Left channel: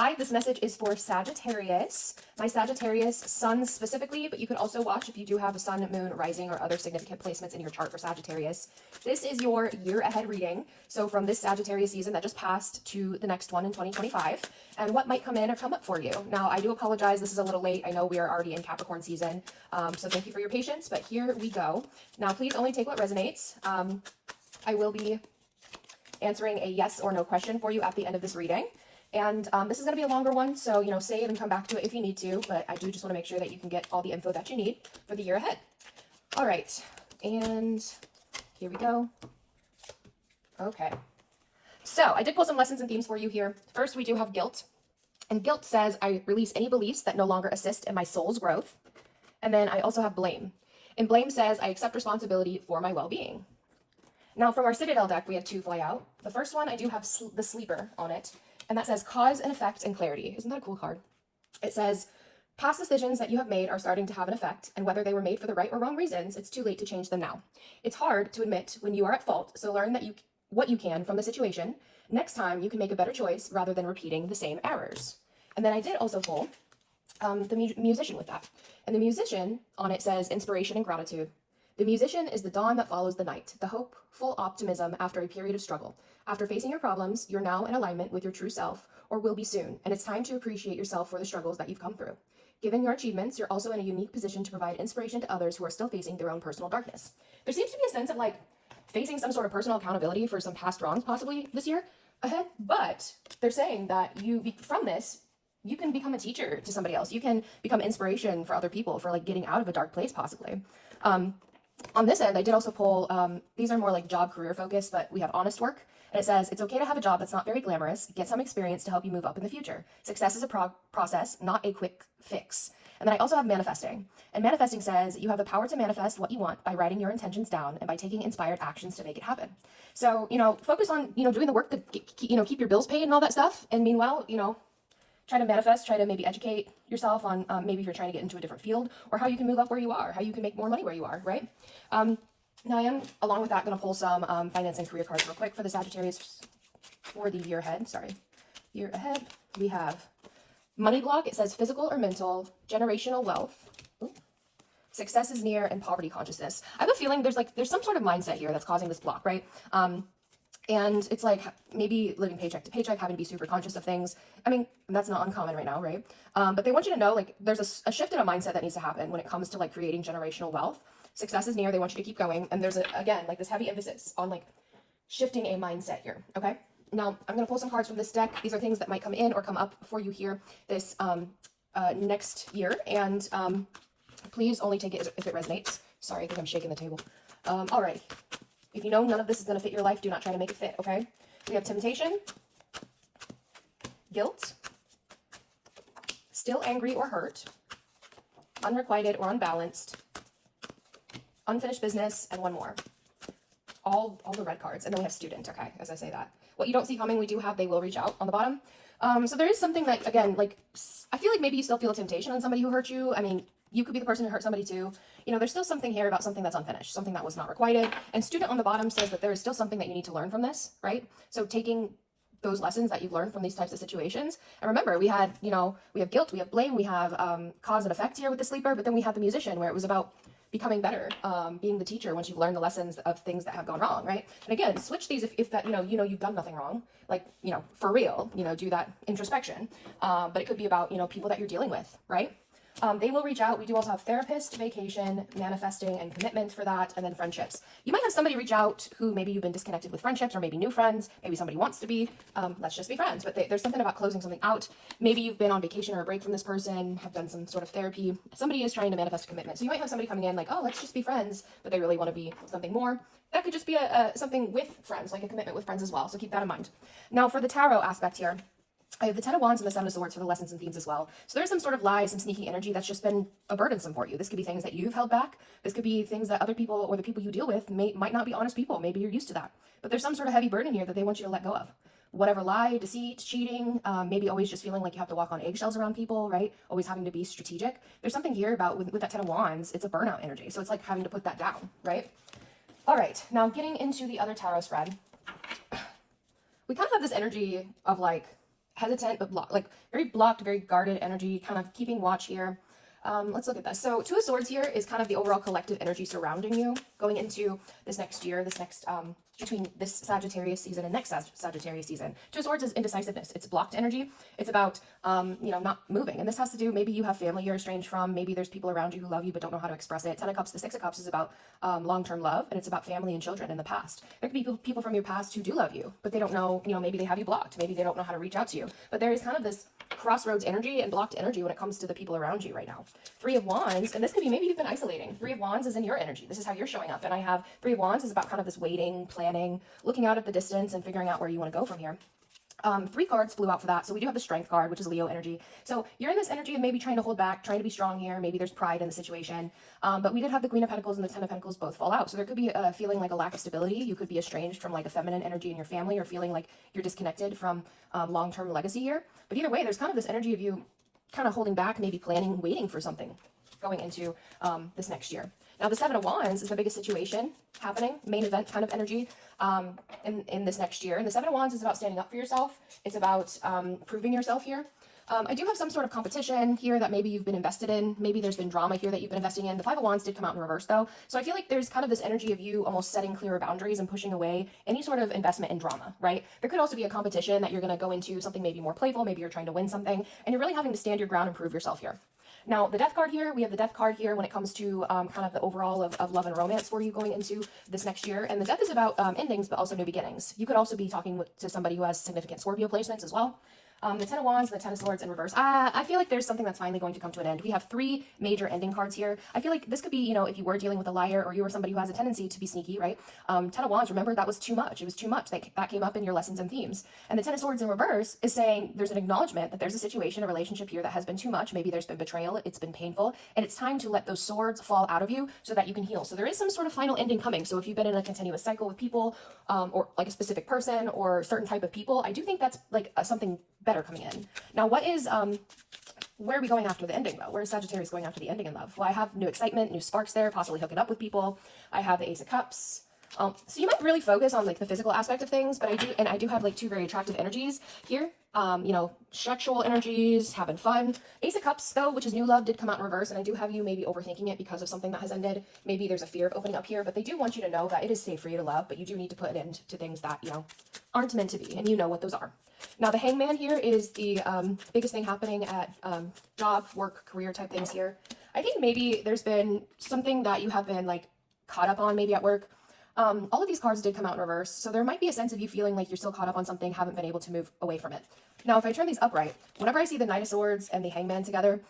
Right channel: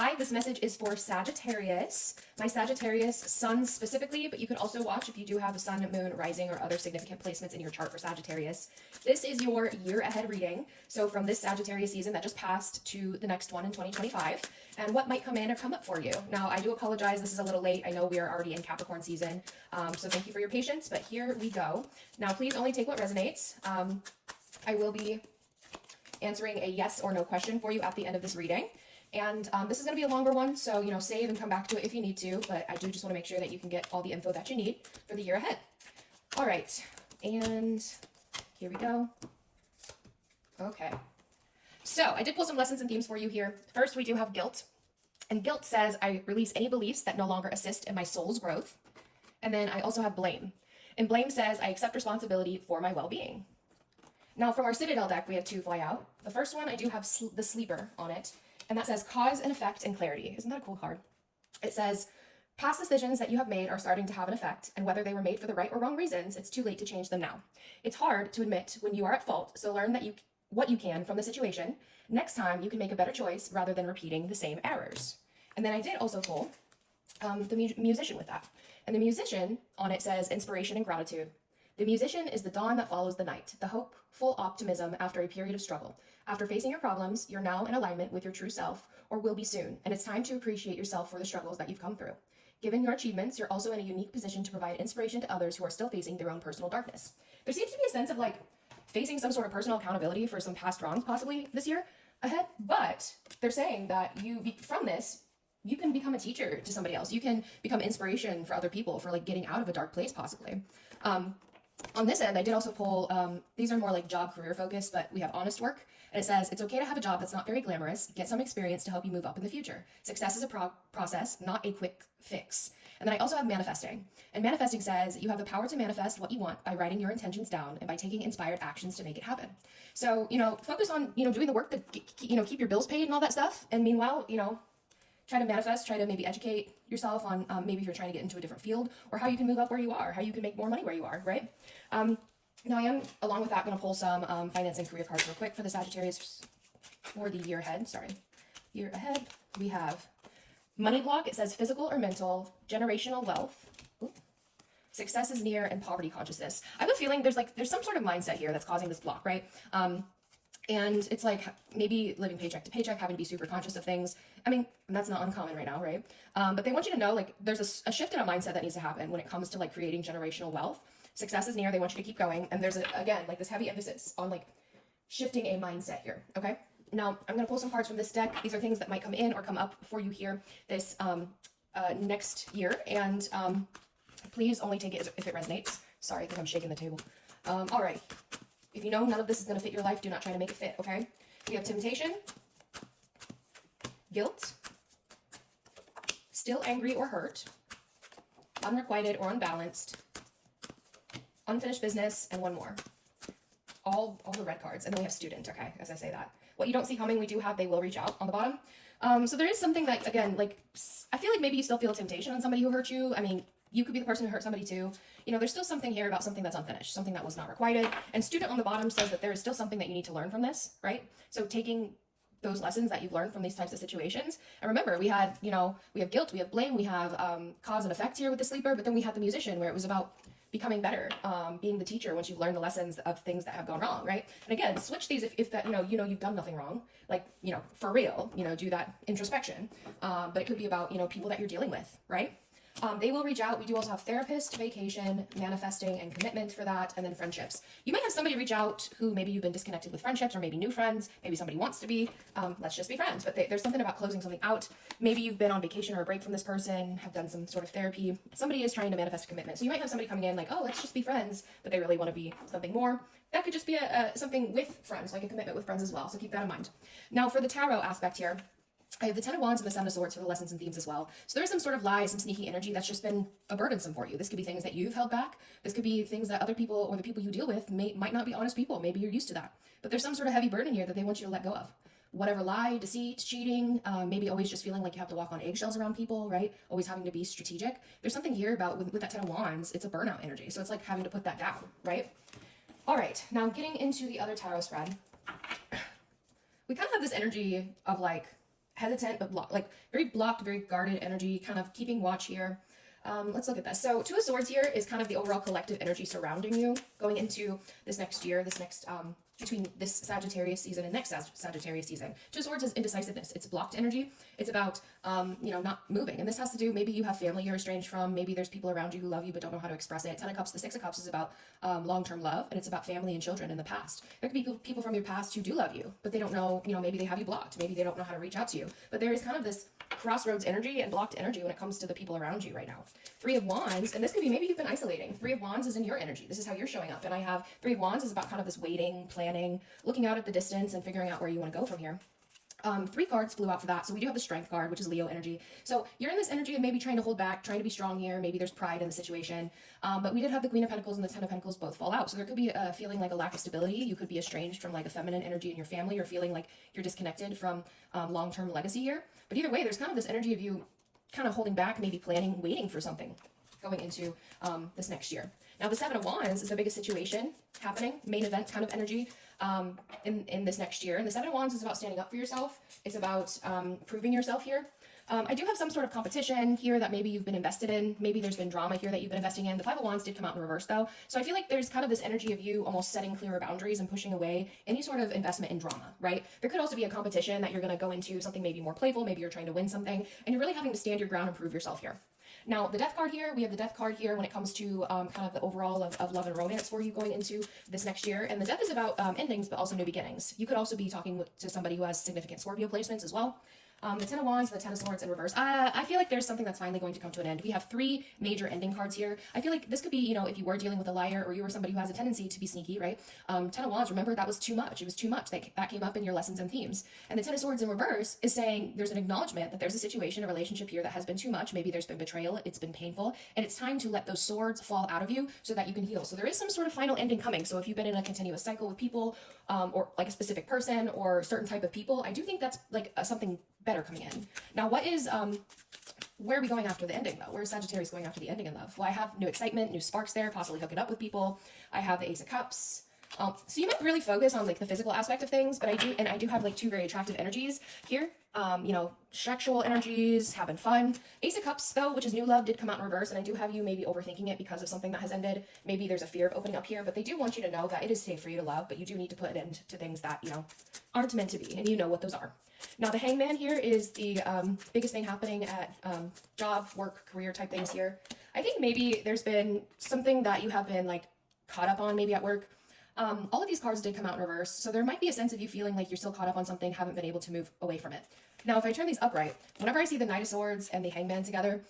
Hi, this message is for Sagittarius. My Sagittarius suns specifically, but you can also watch if you do have a sun, moon, rising, or other significant placements in your chart for Sagittarius. This is your year ahead reading. So from this Sagittarius season that just passed to the next one in 2025, and what might come in or come up for you. Now, I do apologize. This is a little late. I know we are already in Capricorn season. So thank you for your patience, but here we go. Now, please only take what resonates. I will be answering a yes or no question for you at the end of this reading. And this is going to be a longer one, so, you know, save and come back to it if you need to, but I do just want to make sure that you can get all the info that you need for the year ahead. All right, and here we go. Okay, so I did pull some lessons and themes for you here. First, we do have guilt, and guilt says, I release any beliefs that no longer assist in my soul's growth. And then I also have blame, and blame says, I accept responsibility for my well-being. Now, from our Citadel deck, we have two fly out. The first one, I do have the sleeper on it. And that says cause and effect and clarity. Isn't that a cool card? It says past decisions that you have made are starting to have an effect, and whether they were made for the right or wrong reasons, it's too late to change them now. It's hard to admit when you are at fault, so learn that what you can from the situation. Next time, you can make a better choice rather than repeating the same errors. And then I did also pull the musician with that. And the musician on it says inspiration and gratitude. The musician is the dawn that follows the night, the hopeful optimism after a period of struggle. After facing your problems, you're now in alignment with your true self, or will be soon, and it's time to appreciate yourself for the struggles that you've come through. Given your achievements, you're also in a unique position to provide inspiration to others who are still facing their own personal darkness. There seems to be a sense of like facing some sort of personal accountability for some past wrongs possibly this year ahead, but they're saying that from this, you can become a teacher to somebody else. You can become inspiration for other people for like getting out of a dark place possibly. On this end, I did also pull, these are more like job career focused, but we have honest work. And it says, it's okay to have a job that's not very glamorous. Get some experience to help you move up in the future. Success is a process, not a quick fix. And then I also have manifesting. And manifesting says you have the power to manifest what you want by writing your intentions down and by taking inspired actions to make it happen. So, you know, focus on, you know, doing the work to, keep your bills paid and all that stuff. And meanwhile, you know, try to manifest, try to maybe educate yourself on maybe if you're trying to get into a different field or how you can move up where you are, how you can make more money where you are, right? Now I am, along with that, going to pull some finance and career cards real quick for the Sagittarius for the year ahead. Year ahead. We have money block. It says physical or mental, generational wealth. Ooh. Success is near, and poverty consciousness. I have a feeling there's some sort of mindset here that's causing this block, right? And it's like maybe living paycheck to paycheck, having to be super conscious of things. I mean, that's not uncommon right now, right? But they want you to know, like, there's a shift in a mindset that needs to happen when it comes to like creating generational wealth. Success is near. They want you to keep going. And there's, again, like this heavy emphasis on like shifting a mindset here. Okay. Now I'm going to pull some cards from this deck. These are things that might come in or come up for you here this next year. And please only take it if it resonates. Sorry, I think I'm shaking the table. Alrighty. If you know none of this is going to fit your life, do not try to make it fit. Okay. We have temptation, guilt, still angry or hurt, unrequited or unbalanced, unfinished business, and one more. All the red cards. And then we have student, okay, as I say that. What you don't see coming, we do have they will reach out on the bottom. So there is something that, again, like, I feel like maybe you still feel a temptation on somebody who hurt you. I mean, you could be the person who hurt somebody too. You know, there's still something here about something that's unfinished, something that was not requited. And student on the bottom says that there is still something that you need to learn from this, right? So taking those lessons that you've learned from these types of situations. And remember, we had, you know, we have guilt, we have blame, we have cause and effect here with the sleeper, but then we had the musician where it was about becoming better, being the teacher once you've learned the lessons of things that have gone wrong, right? And again, switch these if that, you know you've done nothing wrong, like, you know, for real, you know, do that introspection. But it could be about, you know, people that you're dealing with, right? They will reach out. We do also have therapist, vacation, manifesting, and commitment for that, and then friendships. You might have somebody reach out who maybe you've been disconnected with friendships, or maybe new friends. Maybe somebody wants to be. Let's just be friends. But there's something about closing something out. Maybe you've been on vacation or a break from this person, have done some sort of therapy. Somebody is trying to manifest commitment. So you might have somebody coming in like, oh, let's just be friends, but they really want to be something more. That could just be something with friends, like a commitment with friends as well. So keep that in mind. Now for the tarot aspect here, I have the Ten of Wands and the Seven of Swords for the lessons and themes as well. So there's some sort of lie, some sneaky energy that's just been a burdensome for you. This could be things that you've held back. This could be things that other people or the people you deal with might not be honest people. Maybe you're used to that. But there's some sort of heavy burden here that they want you to let go of. Whatever lie, deceit, cheating, maybe always just feeling like you have to walk on eggshells around people, right? Always having to be strategic. There's something here about with that Ten of Wands, it's a burnout energy. So it's like having to put that down, right? All right, now getting into the other tarot spread. We kind of have this energy of like hesitant, but like very blocked, very guarded energy, kind of keeping watch here. Let's look at this. So Two of Swords here is kind of the overall collective energy surrounding you going into this next year, between this Sagittarius season and next Sagittarius season. Two of Swords is indecisiveness. It's blocked energy. It's about, not moving. And this has to do, maybe you have family you're estranged from. Maybe there's people around you who love you but don't know how to express it. Ten of Cups, the Six of Cups is about long-term love, and it's about family and children in the past. There could be people from your past who do love you, but they don't know, maybe they have you blocked. Maybe they don't know how to reach out to you. But there is kind of this crossroads energy and blocked energy when it comes to the people around you right now. Three of Wands, and this could be maybe you've been isolating. Three of Wands is in your energy. This is how you're showing up. And I have Three of Wands is about kind of this waiting, planning, looking out at the distance and figuring out where you want to go from here. Three cards flew out for that. So we do have the Strength card, which is Leo energy. So you're in this energy of maybe trying to hold back, trying to be strong here. Maybe there's pride in the situation. But we did have the Queen of Pentacles and the Ten of Pentacles both fall out. So there could be a feeling like a lack of stability. You could be estranged from like a feminine energy in your family, or feeling like you're disconnected from long-term legacy here. But either way, there's kind of this energy of you kind of holding back, maybe planning, waiting for something going into this next year. Now, the Seven of Wands is the biggest situation happening, main event kind of energy in this next year. And the Seven of Wands is about standing up for yourself. It's about proving yourself here. I do have some sort of competition here that maybe you've been invested in. Maybe there's been drama here that you've been investing in. The Five of Wands did come out in reverse, though. So I feel like there's kind of this energy of you almost setting clearer boundaries and pushing away any sort of investment in drama, right? There could also be a competition that you're going to go into, something maybe more playful. Maybe you're trying to win something, and you're really having to stand your ground and prove yourself here. Now, the Death card here, we have the Death card here when it comes to kind of the overall of love and romance for you going into this next year. And the Death is about endings, but also new beginnings. You could also be talking to somebody who has significant Scorpio placements as well. The Ten of Wands, the Ten of Swords in reverse. I feel like there's something that's finally going to come to an end. We have three major ending cards here. I feel like this could be, if you were dealing with a liar, or you were somebody who has a tendency to be sneaky, right? Ten of Wands, remember, that was too much. It was too much. That came up in your lessons and themes. And the Ten of Swords in reverse is saying there's an acknowledgement that there's a situation, a relationship here that has been too much. Maybe there's been betrayal. It's been painful. And it's time to let those swords fall out of you so that you can heal. So there is some sort of final ending coming. So if you've been in a continuous cycle with people, or like a specific person or certain type of people, I do think that's like something better coming in. Now, where are we going after the ending, though? Where is Sagittarius going after the ending in love? Well, I have new excitement, new sparks there, possibly hooking up with people. I have the Ace of Cups. So you might really focus on like the physical aspect of things, but I do have like two very attractive energies here. Sexual energies, having fun. Ace of Cups, though, which is new love, did come out in reverse, and I do have you maybe overthinking it because of something that has ended. Maybe there's a fear of opening up here, but they do want you to know that it is safe for you to love, but you do need to put an end to things that, aren't meant to be, and you know what those are. Now, the Hangman here is the biggest thing happening at job, work, career type things here. I think maybe there's been something that you have been like caught up on maybe at work. All of these cards did come out in reverse, so there might be a sense of you feeling like you're still caught up on something, haven't been able to move away from it. Now, if I turn these upright, whenever I see the Knight of Swords and the Hangman together,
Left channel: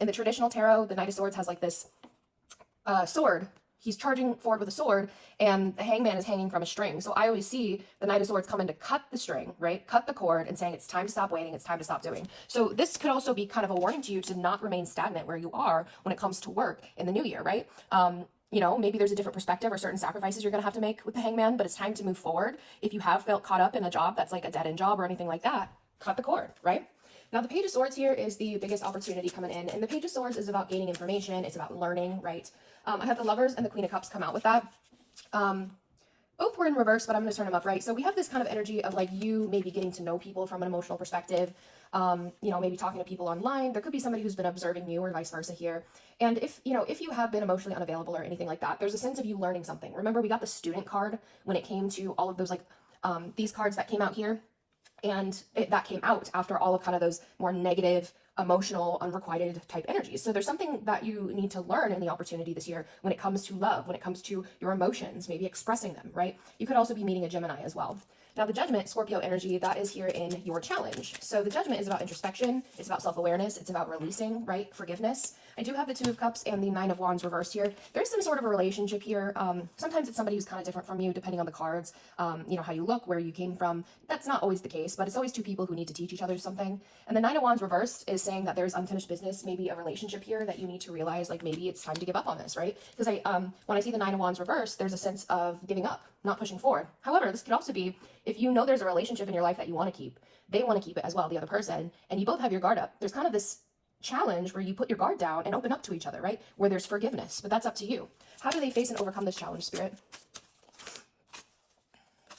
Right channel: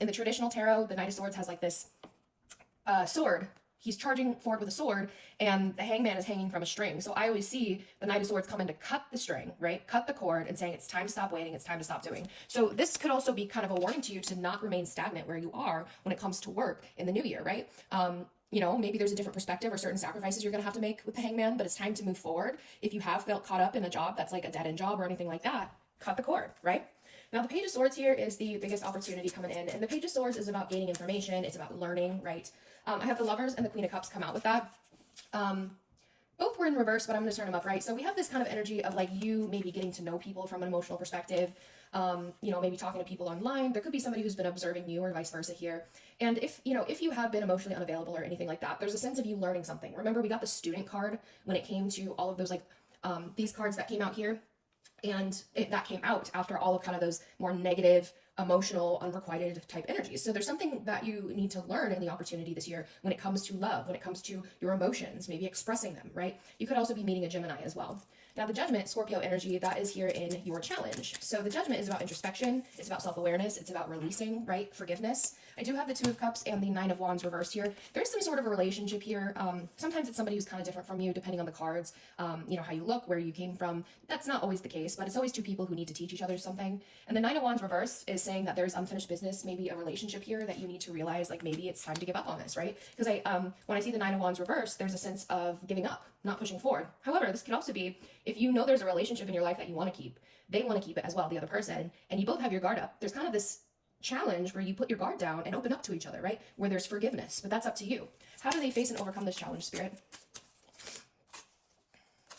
in the traditional tarot, the Knight of Swords has like this sword. He's charging forward with a sword, and the Hangman is hanging from a string. So I always see the Knight of Swords come in to cut the string, right? Cut the cord, and saying it's time to stop waiting, it's time to stop doing. So this could also be kind of a warning to you to not remain stagnant where you are when it comes to work in the new year, right? Maybe there's a different perspective or certain sacrifices you're going to have to make with the Hangman, but it's time to move forward. If you have felt caught up in a job that's like a dead-end job or anything like that, cut the cord, right? Now, the Page of Swords here is the biggest opportunity coming in, and the Page of Swords is about gaining information. It's about learning, right? I have the Lovers and the Queen of Cups come out with that. Both were in reverse, but I'm going to turn them upright. So we have this kind of energy of like you maybe getting to know people from an emotional perspective, maybe talking to people online. There could be somebody who's been observing you or vice versa here. And if you have been emotionally unavailable or anything like that, there's a sense of you learning something. Remember, we got the Student card when it came to all of those these cards that came out here. And that came out after all of kind of those more negative, emotional, unrequited type energies. So there's something that you need to learn in the opportunity this year when it comes to love, when it comes to your emotions, maybe expressing them, right? You could also be meeting a Gemini as well. Now, the Judgment, Scorpio energy, that is here in your challenge. So the Judgment is about introspection. It's about self-awareness. It's about releasing, right? Forgiveness. I do have the Two of Cups and the Nine of Wands reversed here. There's some sort of a relationship here. Sometimes it's somebody who's kind of different from you, depending on the cards, how you look, where you came from. That's not always the case, but it's always two people who need to teach each other something. And the Nine of Wands reversed is saying that there's unfinished business, maybe a relationship here that you need to realize, like maybe it's time to give up on this, right? Because when I see the Nine of Wands reversed, there's a sense of giving up, not pushing forward. However, this could also be if you know there's a relationship in your life that you want to keep, they want to keep it as well, the other person, and you both have your guard up. There's kind of this challenge where you put your guard down and open up to each other, right? Where there's forgiveness, but that's up to you. How do they face and overcome this challenge, Spirit?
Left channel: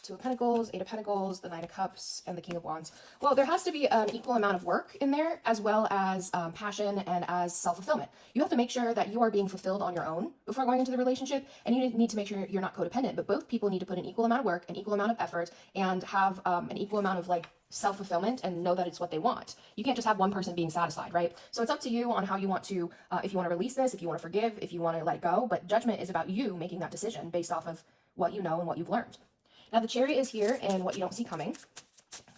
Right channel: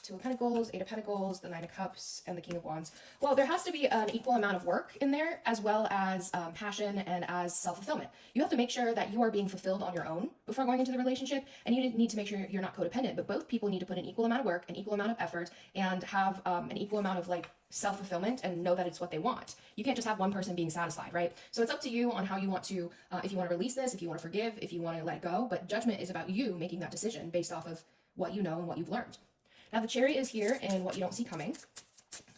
Two of Pentacles, Eight of Pentacles, the Knight of Cups, and the King of Wands. Well, there has to be an equal amount of work in there, as well as passion and as self-fulfillment. You have to make sure that you are being fulfilled on your own before going into the relationship, and you need to make sure you're not codependent, but both people need to put an equal amount of work, an equal amount of effort, and have an equal amount of like self-fulfillment and know that it's what they want. You can't just have one person being satisfied, right? So it's up to you on how you want to, if you want to release this, if you want to forgive, if you want to let it go, but judgment is about you making that decision based off of what you know and what you've learned. Now the Chariot is here and what you don't see coming.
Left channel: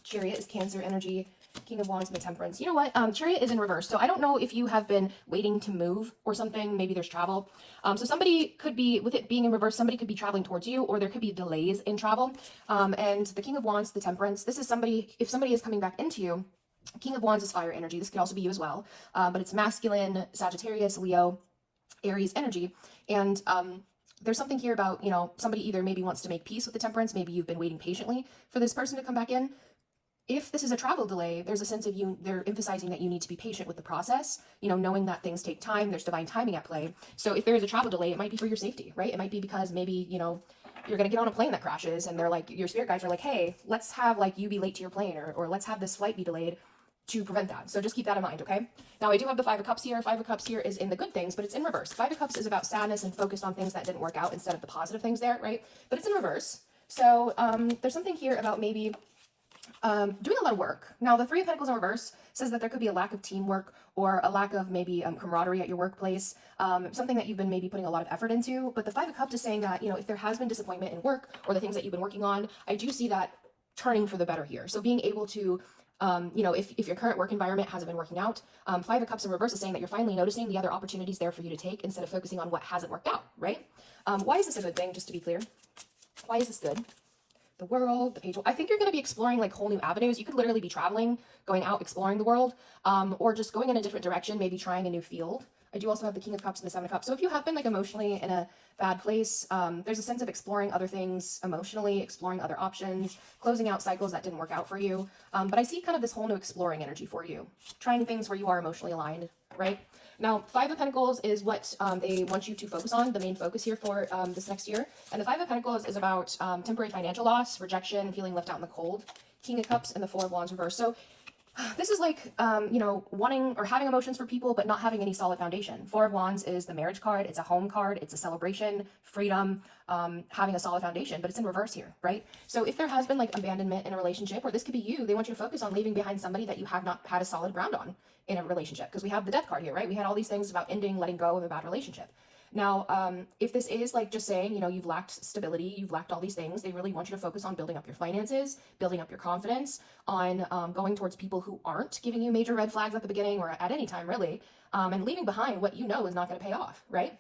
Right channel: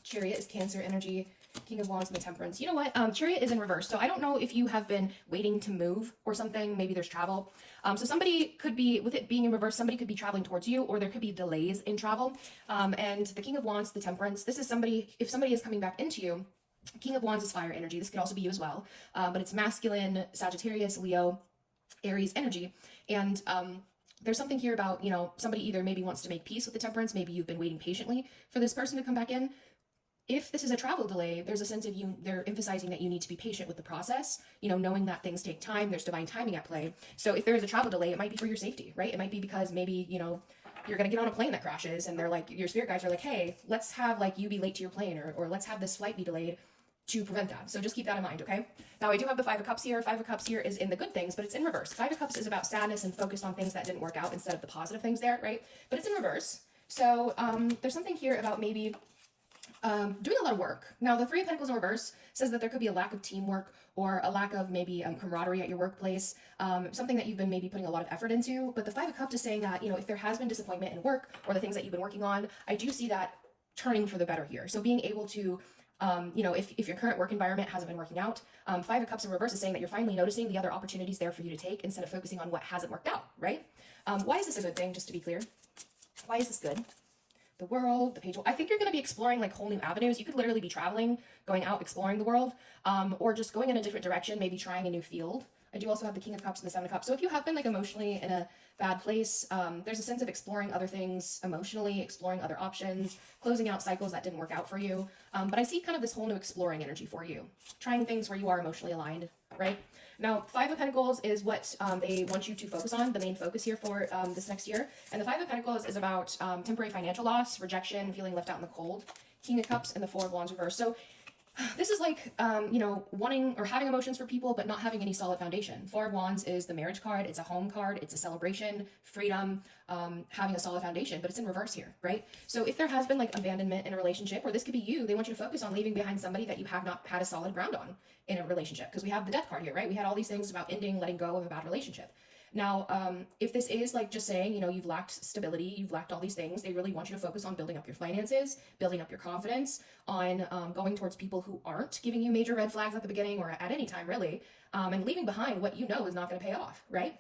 Chariot is Cancer energy, King of Wands and the Temperance. You know what? Chariot is in reverse. So I don't know if you have been waiting to move or something. Maybe there's travel. So somebody could be, with it being in reverse, somebody could be traveling towards you, or there could be delays in travel. And the King of Wands, the Temperance, this is somebody, if somebody is coming back into you, King of Wands is fire energy. This could also be you as well. But it's masculine, Sagittarius, Leo, Aries energy. And there's something here about, you know, somebody either maybe wants to make peace with the Temperance. Maybe you've been waiting patiently for this person to come back in. If this is a travel delay, there's a sense of they're emphasizing that you need to be patient with the process, you know, knowing that things take time, there's divine timing at play. So if there is a travel delay, it might be for your safety, right? It might be because maybe, you know, you're going to get on a plane that crashes and they're like, your spirit guides are like, hey, let's have like you be late to your plane, or let's have this flight be delayed to prevent that. So just keep that in mind, okay? Now I do have the Five of Cups here. Five of Cups here is in the good things, but it's in reverse. Five of Cups is about sadness and focused on things that didn't work out instead of the positive things there, right? But it's in reverse. So there's something here about maybe doing a lot of work. Now, the Three of Pentacles in reverse says that there could be a lack of teamwork or a lack of maybe camaraderie at your workplace, something that you've been maybe putting a lot of effort into. But the Five of Cups is saying that, you know, if there has been disappointment in work or the things that you've been working on, I do see that turning for the better here. So being able to, you know, if your current work environment hasn't been working out, Five of Cups in reverse is saying that you're finally noticing the other opportunities there for you to take instead of focusing on what hasn't worked out, right? Why is this a good thing, just to be clear? Why is this good? The World, the Page. I think you're going to be exploring like whole new avenues. You could literally be traveling, going out, exploring the world, or just going in a different direction, maybe trying a new field. I do also have the King of Cups and the Seven of Cups. So if you have been like emotionally in a bad place, there's a sense of exploring other things emotionally, exploring other options, closing out cycles that didn't work out for you. But I see kind of this whole new exploring energy for you, trying things where you are emotionally aligned, right? Now, Five of Pentacles is what they want you to focus on, the main focus here for this next year. And the Five of Pentacles is about temporary financial loss, rejection, feeling left out in the cold. King of Cups and the Four of Wands reverse. So this is like, you know, wanting or having emotions for people, but not having any solid foundation. Four of Wands is the marriage card. It's a home card. It's a celebration, freedom, having a solid foundation, but it's in reverse here, right? So if there has been like abandonment in a relationship, or this could be you, they want you to focus on leaving behind somebody that you have not had a solid ground on in a relationship, because we have the Death card here, right? We had all these things about ending, letting go of a bad relationship. Now, if this is like just saying, you know, you've lacked stability, you've lacked all these things, they really want you to focus on building up your finances, building up your confidence, on going towards people who aren't giving you major red flags at the beginning or at any time, really, and leaving behind what you know is not going to pay off, right?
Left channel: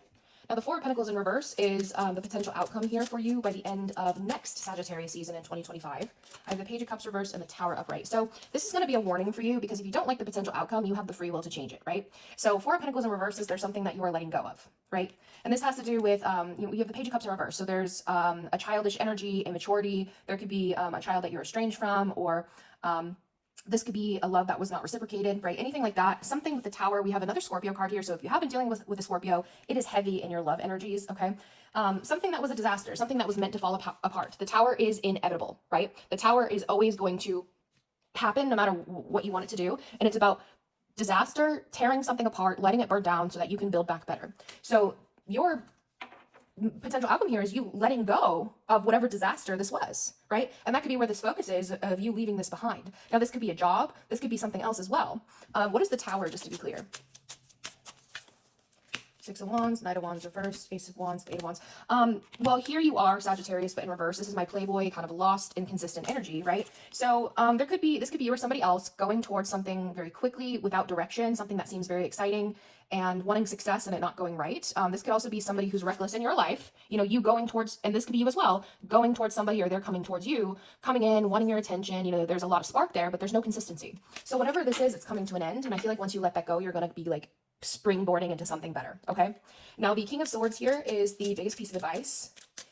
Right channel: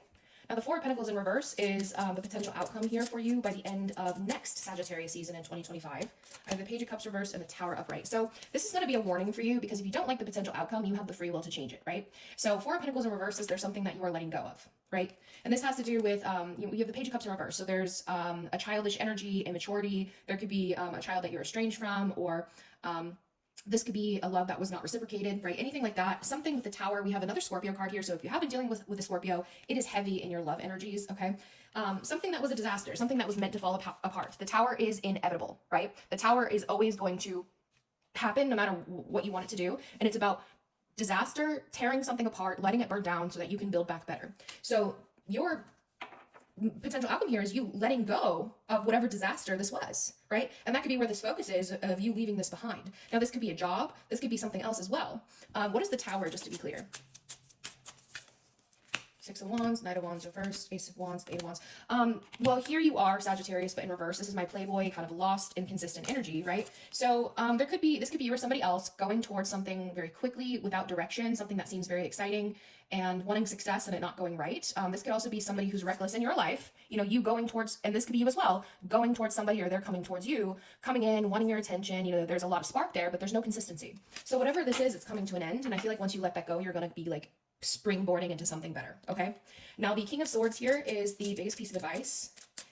Now, the Four of Pentacles in reverse is the potential outcome here for you by the end of next Sagittarius season in 2025. I have the Page of Cups reverse and the Tower upright. So this is going to be a warning for you, because if you don't like the potential outcome, you have the free will to change it, right? So Four of Pentacles in reverse is there's something that you are letting go of, right? And this has to do with, you know, you have the Page of Cups in reverse. So there's a childish energy, immaturity. There could be a child that you're estranged from, or this could be a love that was not reciprocated, right? Anything like that. Something with the Tower. We have another Scorpio card here. So if you have been dealing with a Scorpio, it is heavy in your love energies, okay? Something that was a disaster, something that was meant to fall apart. The Tower is inevitable, right? The Tower is always going to happen no matter what you want it to do. And it's about disaster, tearing something apart, letting it burn down so that you can build back better. So your potential outcome here is you letting go of whatever disaster this was, right? And that could be where this focus is, of you leaving this behind. Now, this could be a job. This could be something else as well. What is the Tower, just to be clear? Six of Wands, Knight of Wands reversed, Ace of Wands, Eight of Wands. Well, here you are, Sagittarius, but in reverse. This is my Playboy, kind of lost, inconsistent energy, right? So this could be you or somebody else going towards something very quickly without direction, something that seems very exciting, and wanting success and it not going right. This could also be somebody who's reckless in your life. You know, you going towards, and this could be you as well, going towards somebody, or they're coming towards you, coming in, wanting your attention. You know, there's a lot of spark there, but there's no consistency. So whatever this is, it's coming to an end. And I feel like once you let that go, you're going to be like springboarding into something better, okay? Now, the King of Swords here is the biggest piece of advice.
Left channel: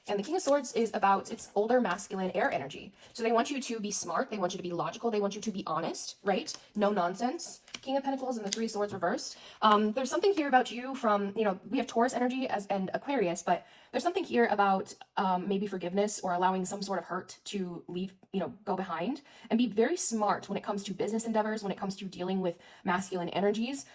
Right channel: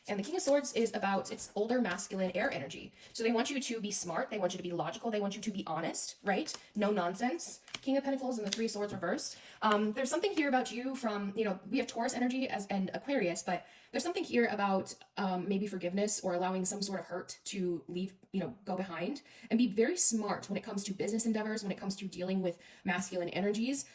And the King of Swords is about its older masculine air energy. So they want you to be smart. They want you to be logical. They want you to be honest, right? No nonsense. King of Pentacles and the Three Swords reversed. There's something here about you from, we have Taurus energy and Aquarius, but there's something here about maybe forgiveness or allowing some sort of hurt to leave, go behind, and be very smart when it comes to business endeavors, when it comes to dealing with masculine energies,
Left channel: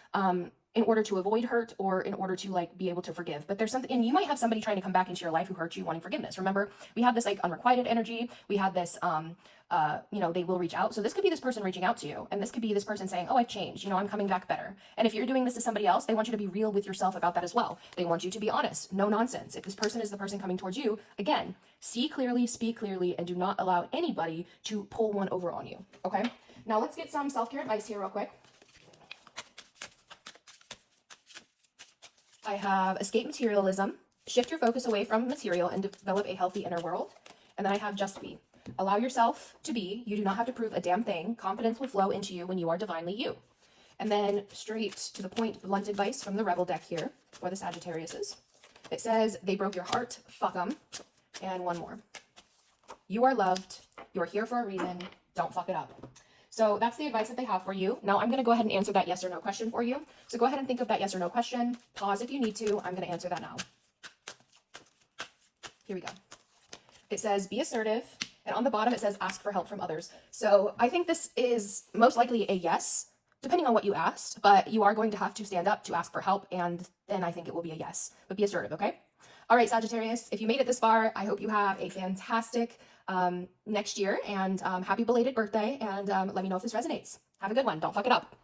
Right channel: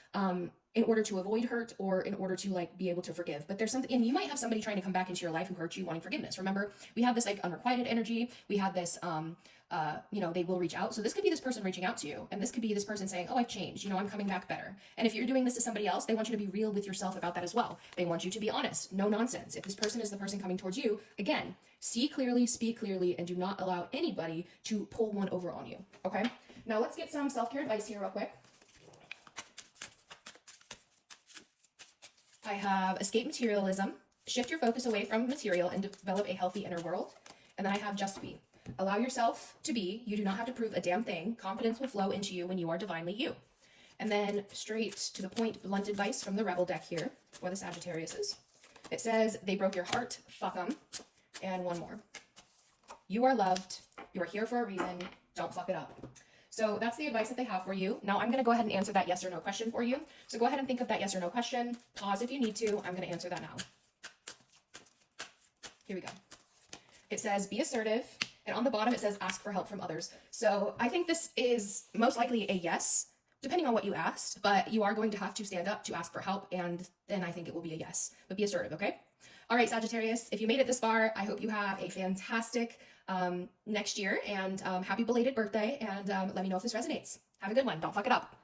in order to avoid hurt or in order to be able to forgive. But there's something, and you might have somebody trying to come back into your life who hurt you wanting forgiveness. Remember, we had this unrequited energy. We had this, they will reach out. So this could be this person reaching out to you. And this could be this person saying, oh, I've changed. I'm coming back better. And if you're doing this to somebody else, they want you to be real with yourself about that as well. They want you to be honest. No nonsense. If this person is the person coming towards you, again, see clearly, speak clearly, and do not allow anybody to pull one over on you. Okay? Now let's get some self-care advice here real quick. I have escape materialism, shift your focus away from material and develop a healthy inner world. And then I have just be. Allow yourself to be. You do not have to prove a damn thing. Confidence will flow into you when you are divinely you. And then straight to the point, blunt advice from the Rebel deck here, for the Sagittariuses. It says, they broke your heart, fuck them. And one more. You are loved. You are here for a reason. Don't fuck it up. So that's the advice that they have for you. Now I'm going to go ahead and answer that yes or no question for you. So go ahead and think of that yes or no question. Pause if you need to. I'm going to answer that now. Here we go. It says, be assertive. And on the bottom, it says, ask for help from others. So I think this is most likely a yes, depending on what you asked. But you are going to have to stand up to ask for help. And then I think it will be a yes. But be assertive, okay? All right, Sagittarius, if you made it this far, I hope you have a fantastic next year, and happy belated birthday, and let me know if this resonates. Have a good one. Don't fuck it up.